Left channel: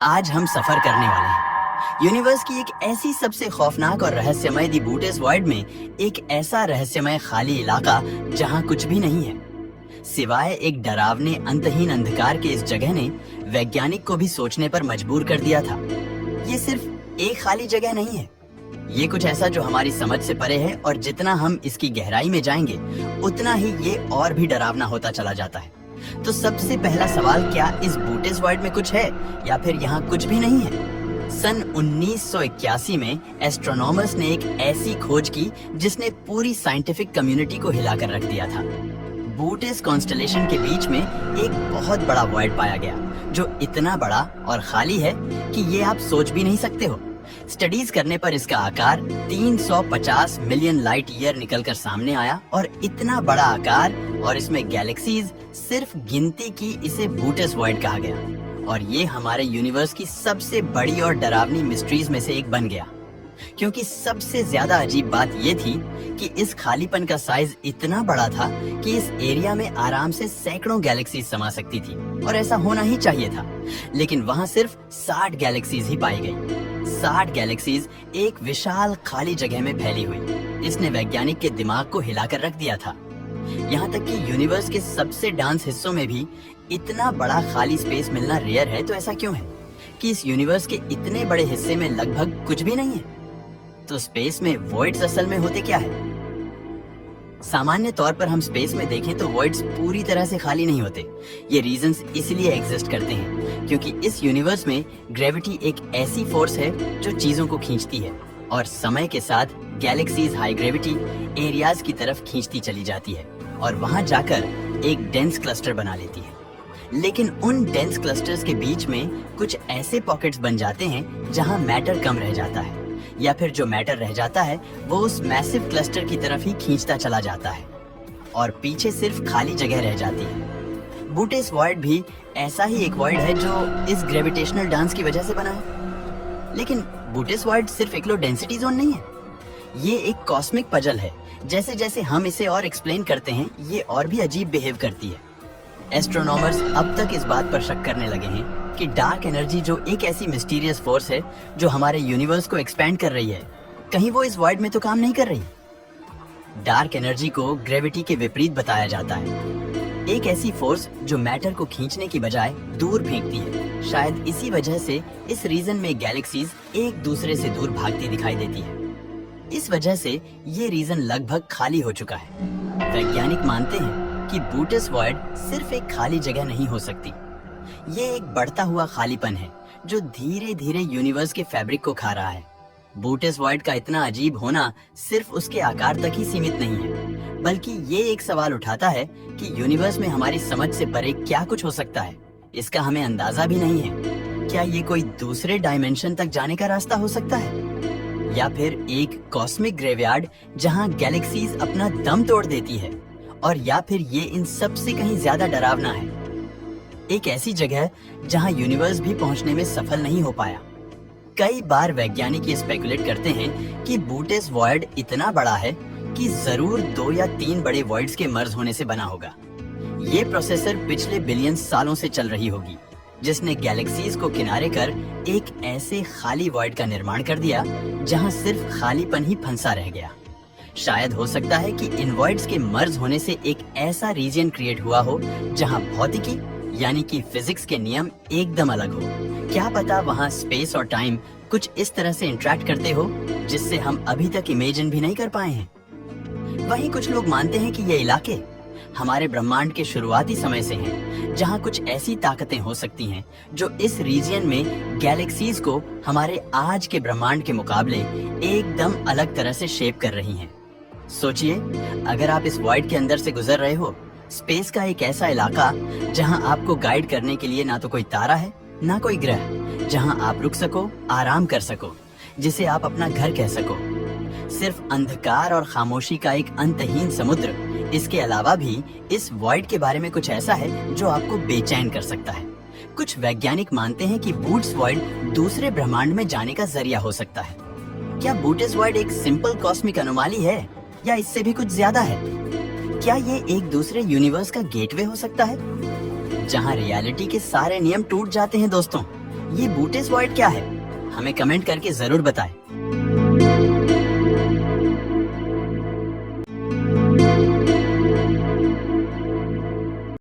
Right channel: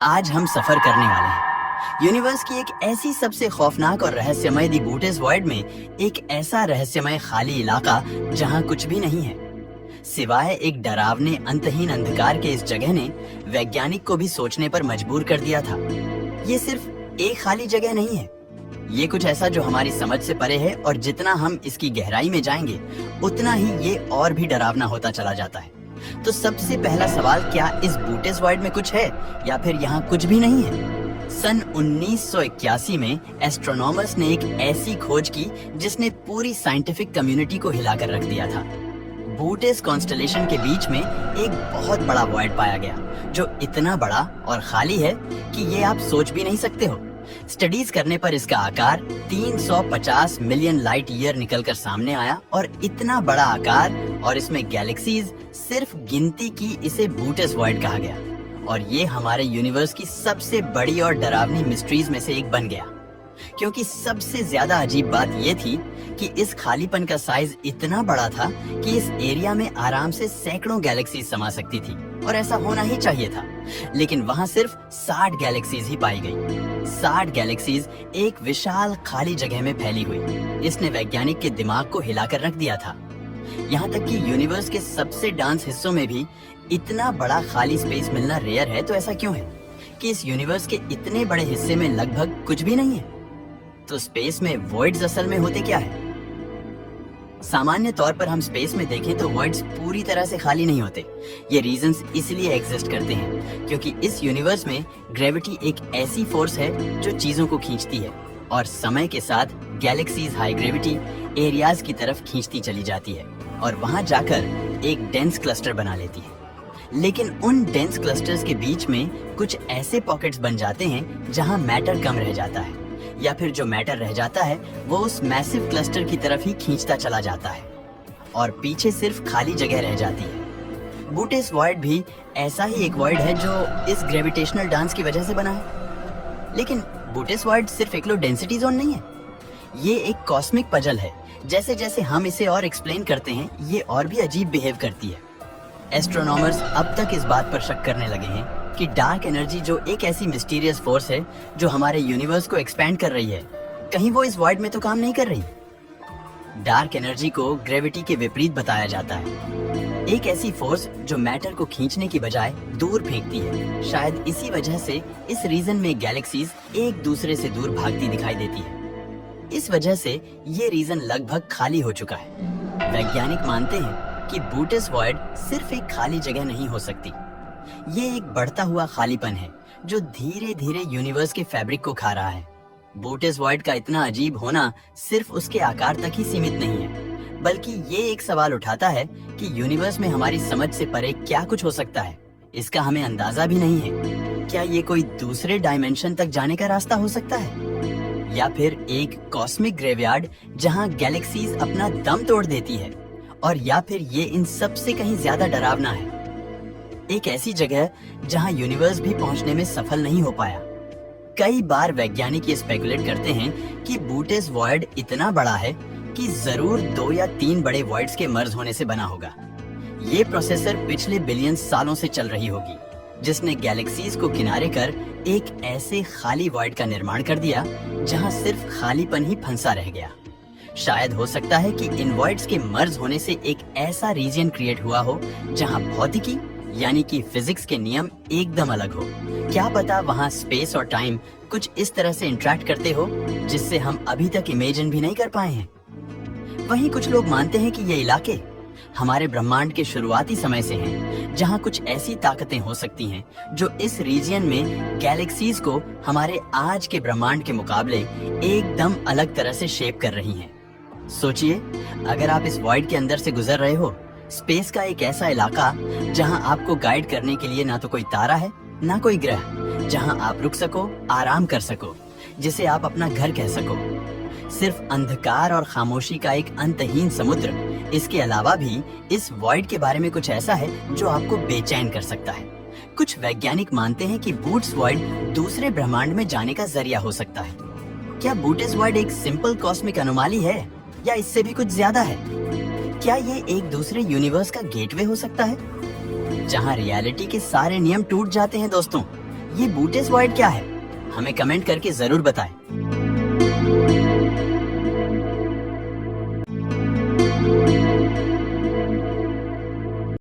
आज हम सफर करने वाले हैं यूनिवर्स की एक ऐसी सबसे खौफनाक और रहस्यमय दी बूटेस वॉइड में, एक ऐसा रहस्यमय खाली इलाका जहां कुछ भी नहीं है सिवाय एक डरावने अंतहीन अंधकार के। इस जगह ने वैज्ञानिक को भी सोचने पर मजबूर कर दिया था। ये सिर्फ एक खाली जगह नहीं है, ये कुछ ऐसा जो हमारी समझ से परे है, और जितना हम इसकी गहराई में जाएंगे उतना ही ये और भी डरावना होता चला जाता है। तो सबसे पहला सवाल, क्या इस बूटेस वॉइड में कुछ है या फिर यहाँ कुछ भी नहीं है? सन 1981 में एस्ट्रोनॉमर्स ने एक ऐसी खोज की जिसने पूरी साइंटिफिक कम्युनिटी को हिलाकर रख दिया था। बूटेस कॉन्स्टलेशन के बीच में एक बहुत बड़ा वॉइड पाया गया जो इतना बड़ा और खाली है कि ये आप सोच भी नहीं सकते हो। स्टडीज करने पर इसका आकार 350 मिलियन लाइट ईयर निकलकर सामने आया, और इतना बड़ा आकार और इसमें गैलेक्सीज, सिर्फ गिनती की इसे बूटेस वॉइड कहा गया। और ये हमारे यूनिवर्स की सबसे बड़ी और डरावनी मिस्ट्रीज में से एक बन गया, क्योंकि सबसे ज्यादा अजीब बात ये थी कि इस खालीपन का साइज इतना बड़ा था कि इस एरिया में आराम से सैकड़ों गैलेक्सीज समा सकती थी, और ऐसा होना ही चाहिए था। लेकिन वहाँ सिर्फ 60 गैलेक्सीज ही पाई गई। 60 गैलेक्सीज एक विशाल खाली जगह में फैली हुई। इसने वैज्ञानिक के दिमाग को हिलाकर रख दिया था। यहाँ तक कि यूनिवर्स के सबसे डांस हिस्सों में भी इतना बड़ा खाली स्पेस मिलना रेयर है। तो ऐसा क्यों है कि इस यूनिवर्स के इतने बड़े हिस्से में लगभग कुछ भी नहीं है? तो स्पेस में वॉइड्स असल में होते क्या है? सामान्य तौर पर हम स्पेस में देखें तो वॉइड्स पूरी तरह से खाली नहीं होते। ये रीजंस इसलिए एग्जिस्ट करते हैं क्योंकि इस यूनिवर्स में ग्रेविटी एक ऐसी फोर्स है जो चीजों को खींचती है, और समय के साथ गैलेक्सीज हाई ग्रेविटी एरियाज की तरफ खींचती चली जाती है और वहां जाकर एक डेंस क्लस्टर बना लेती है। लेकिन उन डेंस क्लस्टर्स के बीच में कुछ ऐसे पॉकेट्स बन जाते हैं जहां मैटर कम रह जाता है, या फिर जो मैटर रह जाता है वो उस मैसिव क्लस्टर की तरफ ही खींचता चला जाता है, और पीछे सिर्फ खाली जगह रह जाती है। बूटेस वॉइड भी ऐसा ही एक वॉइड है जो इस ग्रेविटेशनल डांस की वजह से बना है। लेकिन बूटेस वॉइड सिर्फ एक लो डेंसिटी जोन नहीं है, ये एक कॉस्मिक पजल है। जैसे जैसे हम इसे और एक्सप्लेन करते हैं, ये और भी अजीब बिहेव करती है। एस्ट्रोनॉमर्स अब तक इस बात पर शक करने लगे हैं कि डार्क एनर्जी, जो एक ऐसी मिस्टीरियस फोर्स है जो हमारे यूनिवर्स को एक्सपैंड कर रही है, कहीं वो इस वॉइड में तो काम नहीं कर रही। डार्क एनर्जी को ग्रेविटी के विपरीत बताया जाता है, एक ऐसी फोर्स जो मैटर को खींचने की बजाय दूर फेंकती है। शायद इसी वजह से इस रीजन में गैलेक्सीज एक दूसरे से दूर भागती दिखाई देती है। इस वजह से ये रीजन लगभग खाली हो चुका है। वैज्ञानिक मानते हैं कि बूटेस वॉइड सिर्फ एक खाली जगह नहीं हो सकती, ये एक बढ़ता हुआ खालीपन है जो धीरे धीरे यूनिवर्स के फैब्रिक को खा रहा है। बूटेस वॉइड का इतना अजीब होना सिर्फ उसके आकार तक ही सीमित नहीं है, बल्कि ये एक सवाल उठाता है कि यूनिवर्स में हमारी समझ से परे क्या कुछ हो सकता है। इसका हमें अंदाजा भी नहीं है। क्या ये कोई दूसरे डायमेंशन तक जाने का रास्ता हो सकता है, या फिर एक कॉस्मिक ग्रेवयार्ड जहां गैलेक्सीज अपना दम तोड़ देती है, और या फिर ये इन सब से कहीं ज्यादा डरावना है, एक ऐसी जगह जहां यूनिवर्स भी पहुंचने में सफल नहीं हो पाया। कई बार वैज्ञानिक ये स्पेकुलेट करते हैं कि बूटेस वॉइड इतना बड़ा है कि जरूर 2 या 3 बड़े वॉइड्स के मर्ज होने से बना होगा। ये प्रोसेसर पिछले बिलियन सालों से चल रही होगी, जिसने गैलेक्सीज को किनारे कर एक ऐसे खाली वॉइड का निर्माण कर दिया जहां सिर्फ खालीपन ही फंसा रह गया। शायद हो सकता है कि इन वॉइड्स के मर्ज होने से एक ऐसा रीजन क्रिएट हुआ हो जहां भौतिकी यानी कि फिजिक्स के नियम एकदम अलग हो। क्या पता वहां स्पेस और टाइम कुछ इस तरह से इंटरेक्ट करते हो जिससे हम अभी तक इमेजिन भी नहीं कर पाए हैं। वहीं कुछ लोग मानते हैं कि ये इलाके हमारे ब्रह्मांड के शुरुआती समय से हैं, जहां कुछ ऐसी ताकतें हो सकती हैं जो इस रीजन में गैलेक्सीज को हमारे आज के ब्रह्मांड के मुकाबले एकदम अलग तरह से शेप कर रही हैं। सोचिए, अगर आप इस वॉइड के अंदर से गुजर रहे हो, स्पेस का एक ऐसा इलाका जहां आपको गाइड करने के लिए ना तो कोई तारा है ना कोई ग्रह, जहां आप रुक सको, आराम कर सको, जिसे आप अपना घर कह सको। सिर्फ अंधकार और खामोशी का एक अंतहीन समुद्र। इसके अलावा भी इस वॉइड के बारे में कुछ ऐसा है जो आपको बेचैन कर सकता है। कुछ वैज्ञानिक मानते हैं कि बूटेस वॉइड दूसरे ब्रह्मांड में जाने का जरिया हो सकता है। क्या बूटेस वॉइड एक सिंपल कॉस्मिक अनोमाली है, या इससे भी कुछ ज्यादा है? क्या ये एक दूसरे यूनिवर्स का गेटवे हो सकता है जहां रियलिटी के सारे नियम टूट जाते हैं दोस्तों? ये बूटेस वॉइड क्या है? हमें कमेंट करके जरूर बताएं।